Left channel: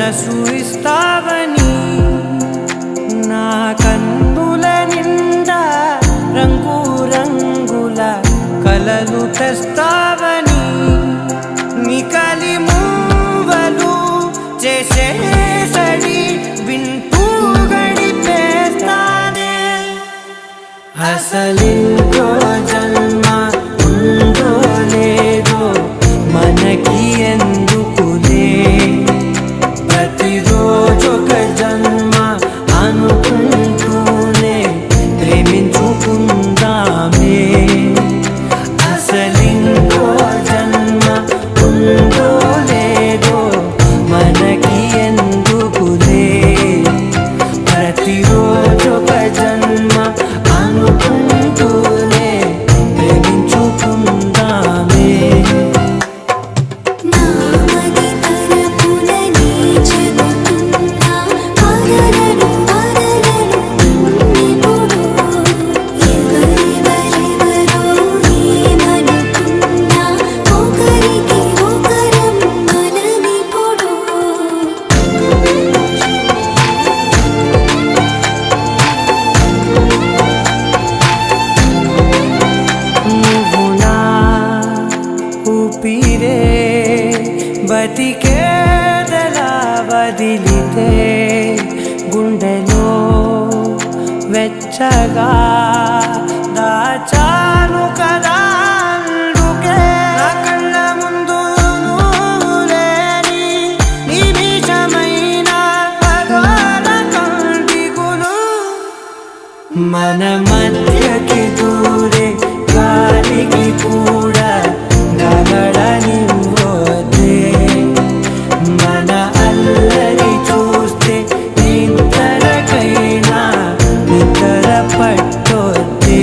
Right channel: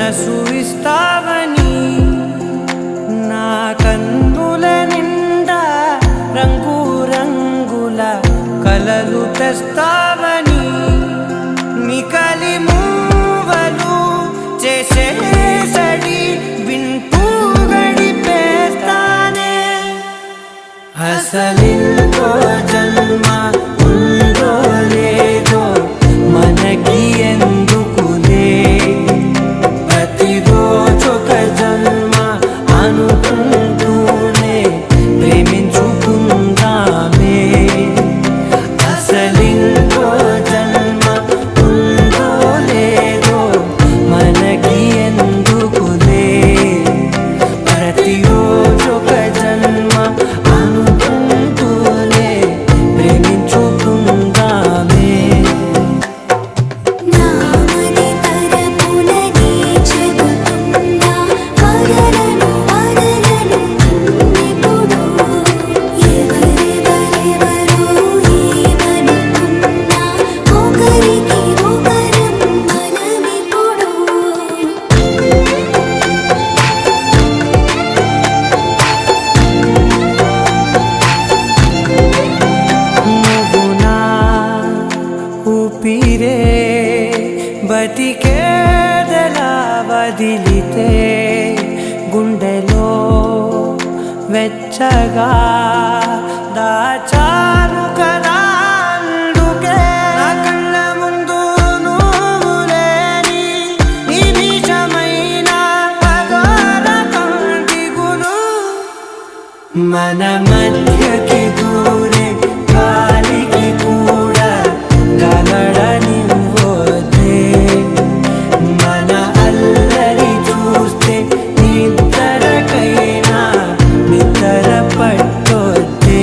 మనసు ఇస్తావని నా కన్నుల నిండా రంగు రంగుల కలలు తెస్తావని నికలి మూవలు చేసేసడి వింటూ గడిపేస్తానే అసలింకో జన్మ ఉందో లేదో మనకి ఎందుకులే ప్రతిరోజొక జన్మ అనుకుంటూనే ప్రేమించుకుందామే అసలింకో జన్మ ఉందో లేదో మనకి ఎందుకులే ప్రతిరోజొక జన్మ అనుకుంటూనే ప్రేమించుకుందామే ఊపిరే బతికేదలా వదిలితే గుండెలో వెచ్చగా దాచాను కదా అందుకే నా కళ్ళ ముందు నువ్వు లేని నిమిషమైన అఘోర కంటిగులు మన మధ్యకి దూరే గాలికి కూడా గలడనివ్వొద్దే మన అల్లరి చూస్తే నిద్రకైనా నిద్ర పట్టొద్దే